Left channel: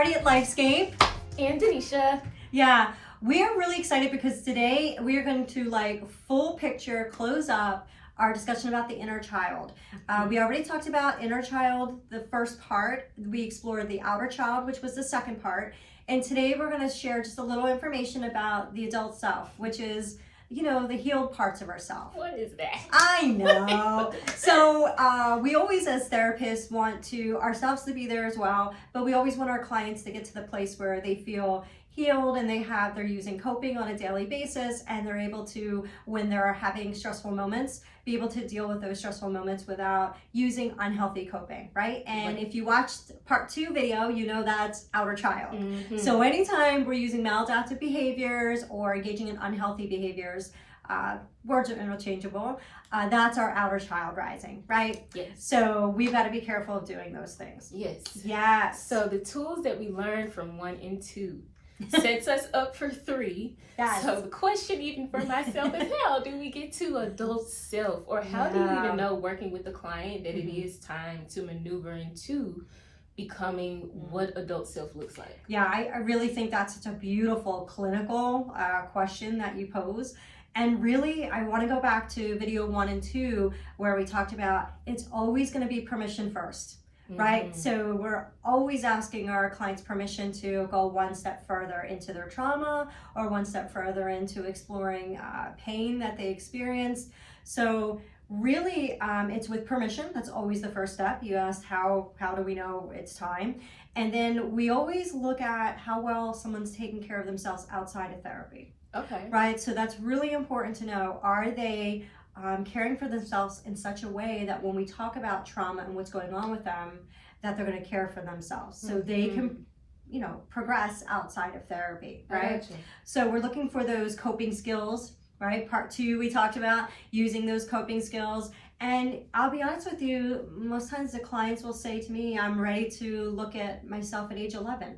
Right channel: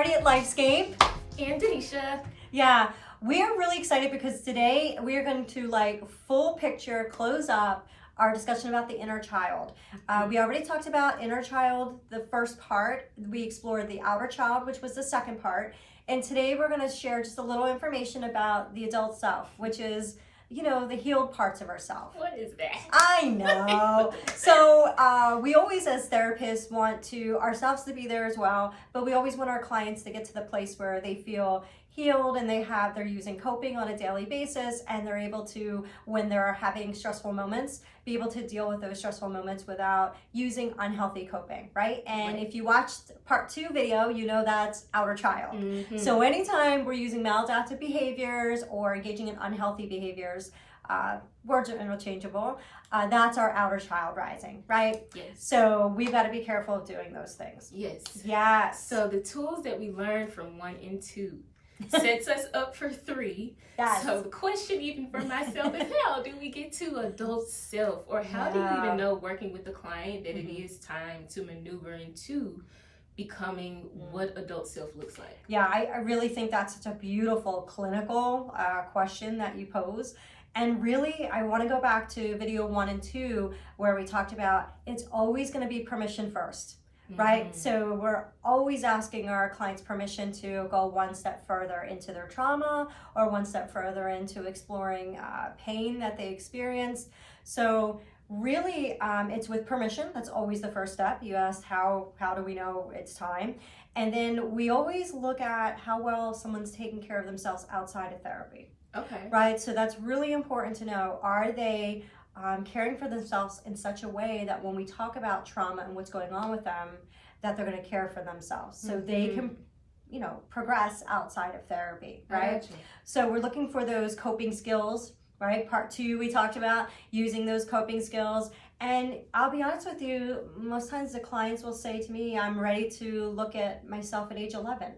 Marty at Lifescape. And Danesha. Yeah, we are really excited because today we are going to full picture close up our discussion about the inner child. We already talked about inner child, the first part. We explored the outer child, which was the second part. And today we're going to share just a little information about the adult self, which is, you know, the healed parts of ourselves. What is that? I know. So we always, as therapists, want ourselves to be there as well, but we always want our clients to get to the place where they feel healed and they're using coping on a daily basis, and they're able to, when they're having stressful moments, be able to deal with those stressful moments without using unhealthy coping, right? And if you watched part 2 video, you know that's outer child. So anytime we're using maladaptive behaviors or engaging in unhealthy behaviors, words are interchangeable, that's our outer child rising, right? Yes. So we've got to be careful of doing those things. Yes. Yes. So the tools that we learned from 1 and 2 sets us up for 3. Yes. So the question even for myself is, how do we get to adult self? Or how do you even know, working with the client, that it is time to maneuver into becoming what adult self looks like? Yeah, I really think that's such a beautiful clinical question that you pose. And really, I want to go back to video 1 and 2 where we talked about it's always going to be permission first. Right? So we're always asking our clients permission to go one step further into their trauma or one step further into exploring pain that they experienced. So really, it's with permission. That's always the first step. You asked how do we know it's time? And then we always look at how well someone's taking care of themselves outside of therapy. Okay. Right? So that's really important to know. Are they caring for themselves in such a way that when we talk about trauma and what's going on with them, that they're going to care for themselves so they can, you know, progress outside of therapy, right? So we're looking for those coping skills, right? Part 2, we talked about using those coping skills. And I'll be honest with you, most times the clients will say to me, I'm ready to look at myself at age 11.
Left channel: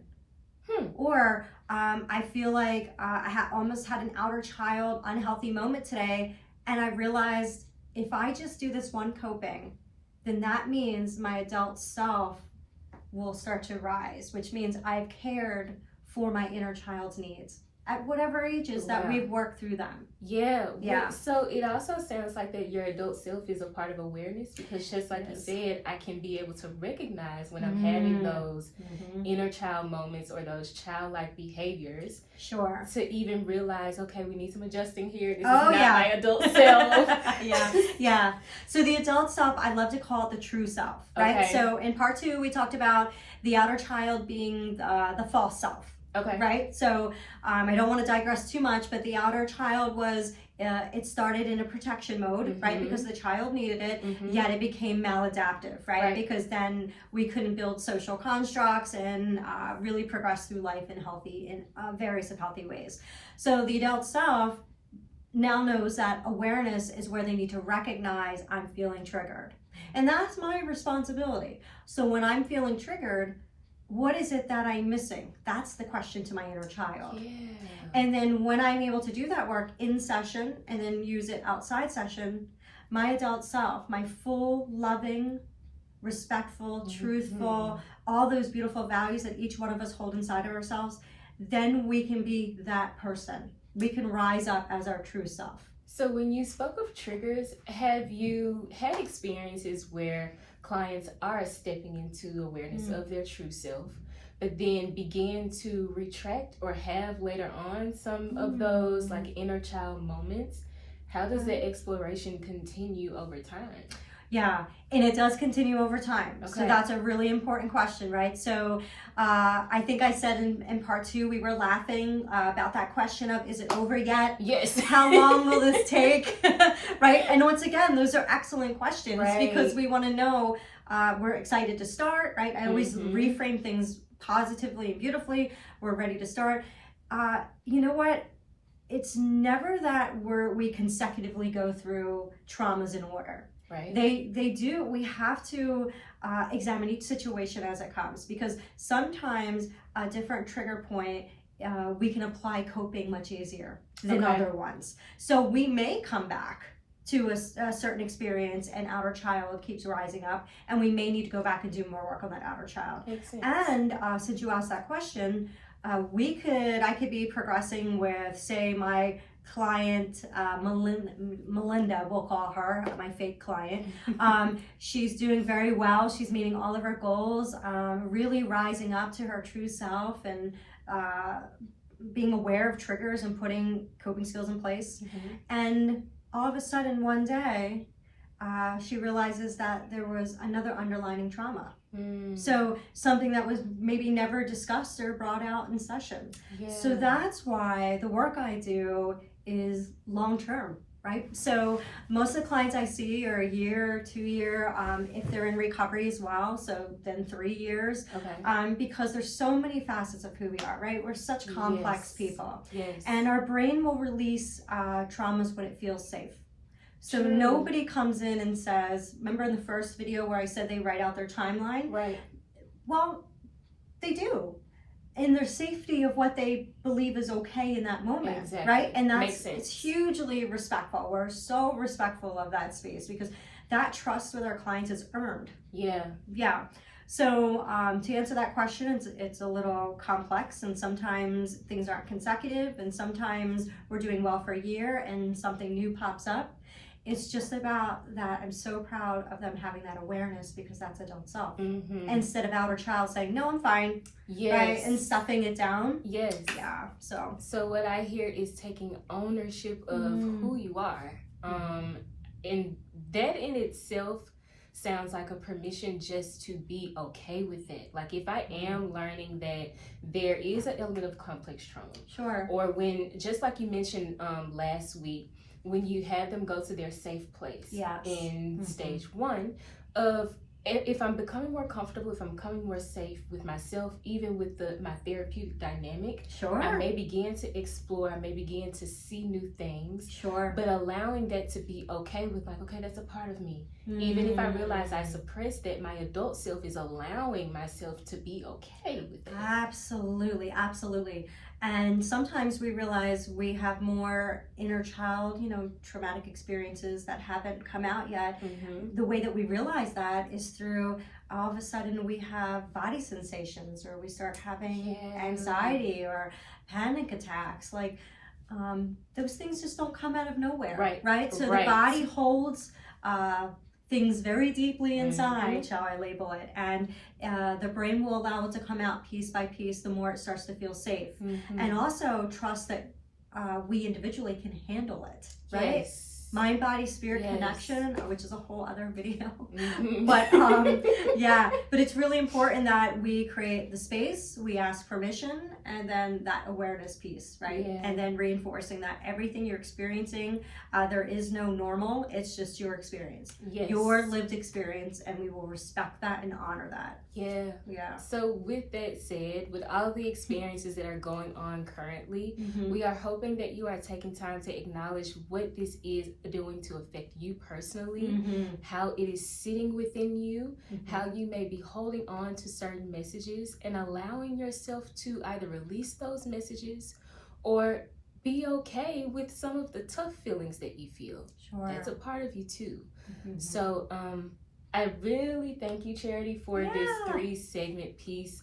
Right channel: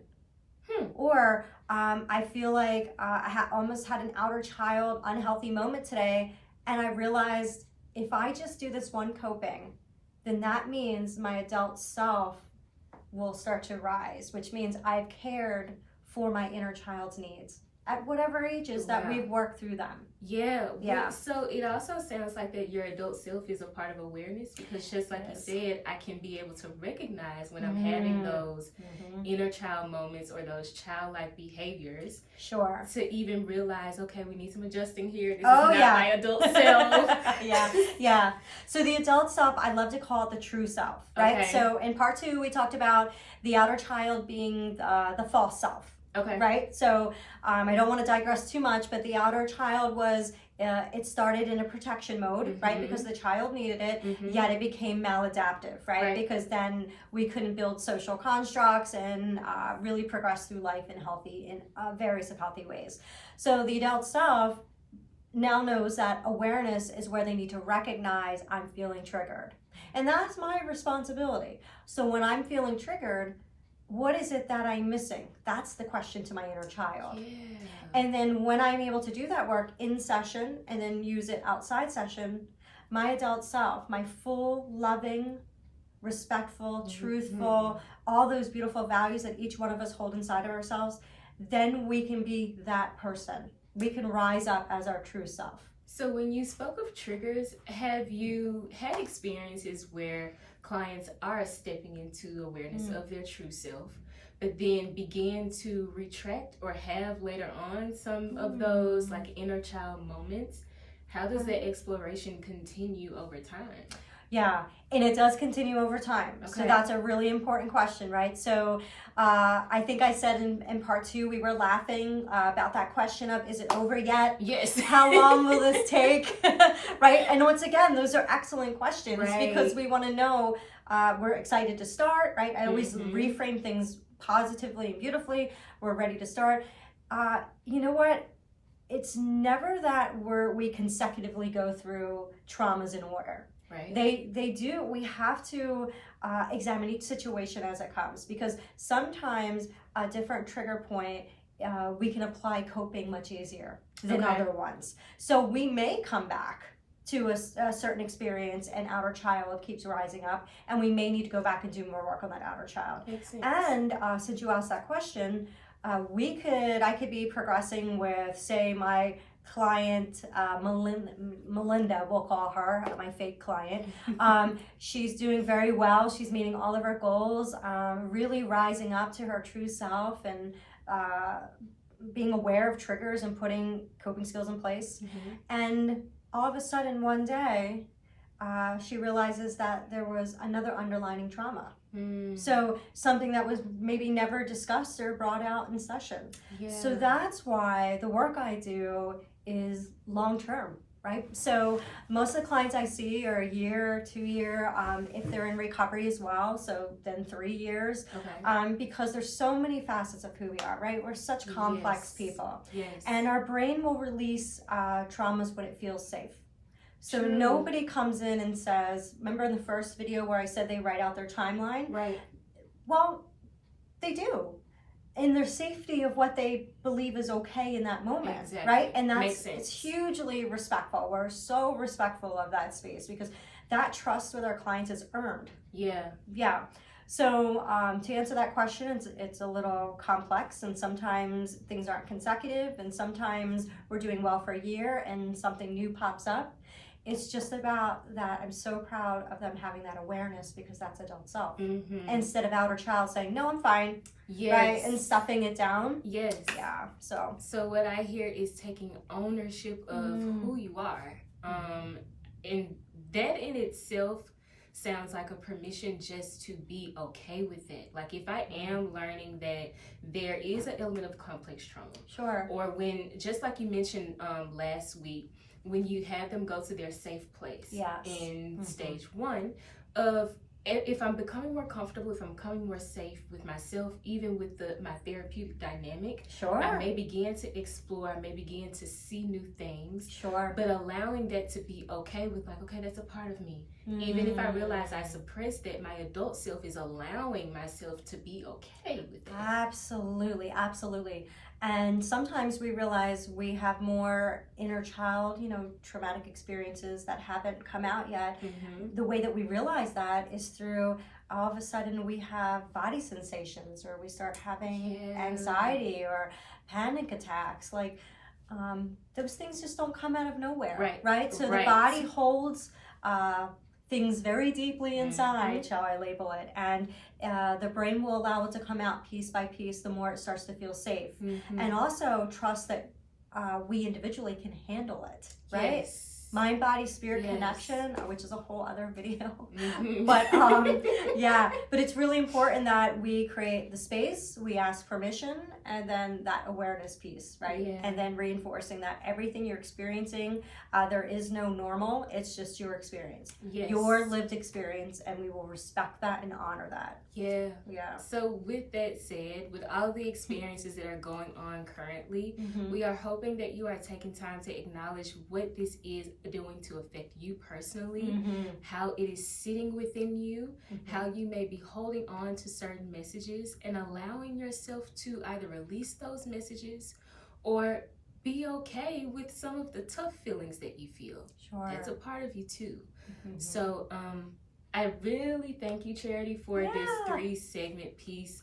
Or I feel like I almost had an outer child unhealthy moment today, and I realized if I just do this one coping, then that means my adult self will start to rise, which means I've cared for my inner child's needs at whatever ages that we've worked through them. Yeah. So it also sounds like that your adult self is a part of awareness, because just like you said, I can be able to recognize when I'm having those inner child moments or those childlike behaviors. Sure. To even realize, okay, we need some adjusting here. This is not my adult self. Yeah. So the adult self, I love to call it the true self, right? Okay. So in part 2, we talked about the outer child being the false self. Okay. Right? So I don't want to digress too much, but the outer child was, it started in a protection mode, right? Because the child needed it, yet it became maladaptive, right? Because then we couldn't build social constructs and really progress through life in various healthy ways. So the adult self now knows that awareness is where they need to recognize I'm feeling triggered. And that's my responsibility. So when I'm feeling triggered, what is it that I'm missing? That's the question to my inner child. And then when I'm able to do that work in session and then use it outside session, my adult self, my full, loving, respectful, truthful, all those beautiful values that each one of us hold inside of ourselves, then we can be that person. We can rise up as our true self. So when you spoke of triggers, have you had experiences where clients are stepping into awareness of their true self, but then begin to retract or have later on some of those inner child moments? How does the exploration continue over time? Yeah, and it does continue over time. So that's a really important question, right? So I think I said in part 2, we were laughing about that question of, is it over yet? Yes. How long will this take? Right? And once again, those are excellent questions because we want to know, we're excited to start, right? I always reframe things positively and beautifully. We're ready to start. You know what? It's never that we consecutively go through traumas in order. Right. They do. We have to examine each situation as it comes, because sometimes a different trigger point, we can apply coping much easier than other ones. So we may come back to a certain experience, and outer child keeps rising up, and we may need to go back and do more work on that outer child. Makes sense. And since you asked that question, I could be progressing with, say, my client Melinda, we'll call her my fake client. She's doing very well. She's meeting all of her goals, really rising up to her true self, and being aware of triggers and putting coping skills in place. And all of a sudden one day she realizes that there was another underlying trauma. So something that was maybe never discussed or brought out in session. So that's why the work I do is long-term, right? So most of the clients I see are a year, 2 year, if they're in recovery as well, so then 3 years. Because there's so many facets of who we are, right? We're such complex people. And our brain will release traumas when it feels safe. So nobody comes in and says, remember in the first video where I said they write out their timeline? Well, they do. In their safety of what they believe is okay in that moment, right? And it's hugely respectful. We're so respectful of that space because that trust with our clients is earned. So to answer that question, it's a little complex, and sometimes things aren't consecutive, and sometimes we're doing well for a year and something new pops up. It's just about that. I'm so proud of them having that awareness, because that's adult self. Instead of outer child saying, no, I'm fine. Right? And stuffing it down. So what I hear is taking ownership of who you are. And that in itself sounds like a permission just to be okay with it. Like if I am learning that there is an element of complex trauma. Or when, just like you mentioned last week, when you have them go to their safe place in stage 1 of, if I'm becoming more comfortable, if I'm becoming more safe with myself, even with my therapeutic dynamic, I may begin to explore, I may begin to see new things, but allowing that to be okay with, like, okay, that's a part of me. Even if I realize I suppressed that, my adult self is allowing myself to be okay with it. Absolutely. And sometimes we realize we have more inner child, traumatic experiences that haven't come out yet. The way that we realize that is through, all of a sudden we have body sensations, or we start having anxiety or panic attacks. Like those things just don't come out of nowhere, right? So the body holds things very deeply inside, shall I label it, and the brain will allow it to come out piece by piece the more it starts to feel safe. And also trust that we individually can handle it, right? Mind, body, spirit connection, which is a whole other video. But but it's really important that we create the space, we ask permission, and then that awareness piece, right? And then reinforcing that everything you're experiencing, there is no normal, it's just your experience, your lived experience, and we will respect that and honor that. So with that said, with all the experiences that are going on currently, we are hoping that you are taking time to acknowledge what this is doing to affect you personally, how it is sitting within you, how you may be holding on to certain messages, and allowing yourself to either release those messages or be okay with some of the tough feelings that you feel. That's a part of you too. So I really thank you, Charity, for this 3-segment piece.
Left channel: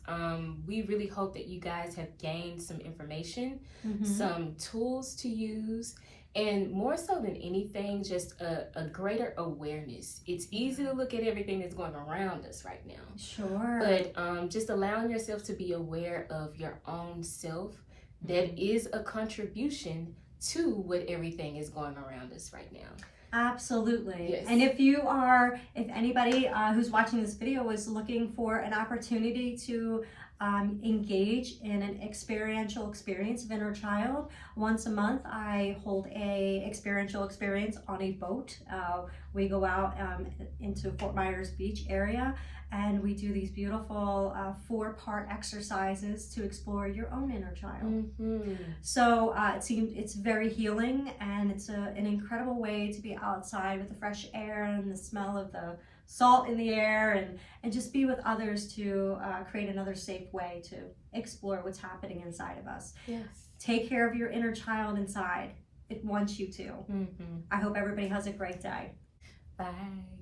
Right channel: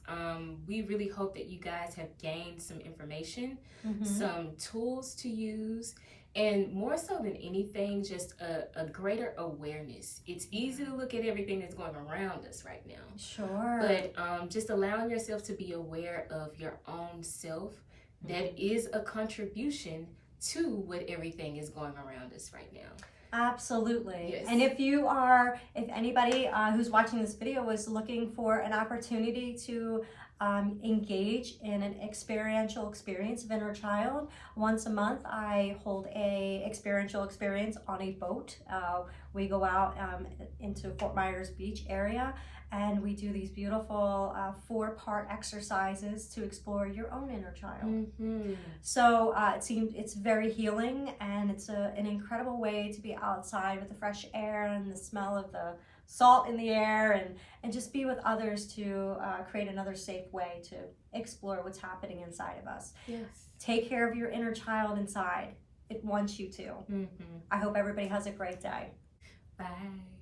We really hope that you guys have gained some information, some tools to use, and more so than anything, just a greater awareness. It's easy to look at everything that's going around us right now. But just allowing yourself to be aware of your own self, that is a contribution to what everything is going around us right now. Absolutely. And if anybody who's watching this video is looking for an opportunity to engage in an experiential experience of inner child, once a month I hold a experiential experience on a boat. We go out into Fort Myers Beach area, and we do these beautiful 4-part exercises to explore your own inner child. So it's very healing, and it's an incredible way to be outside with the fresh air and the smell of the salt in the air, and just be with others to create another safe way to explore what's happening inside of us. Take care of your inner child inside. it wants you to. I hope everybody has a great day. Bye.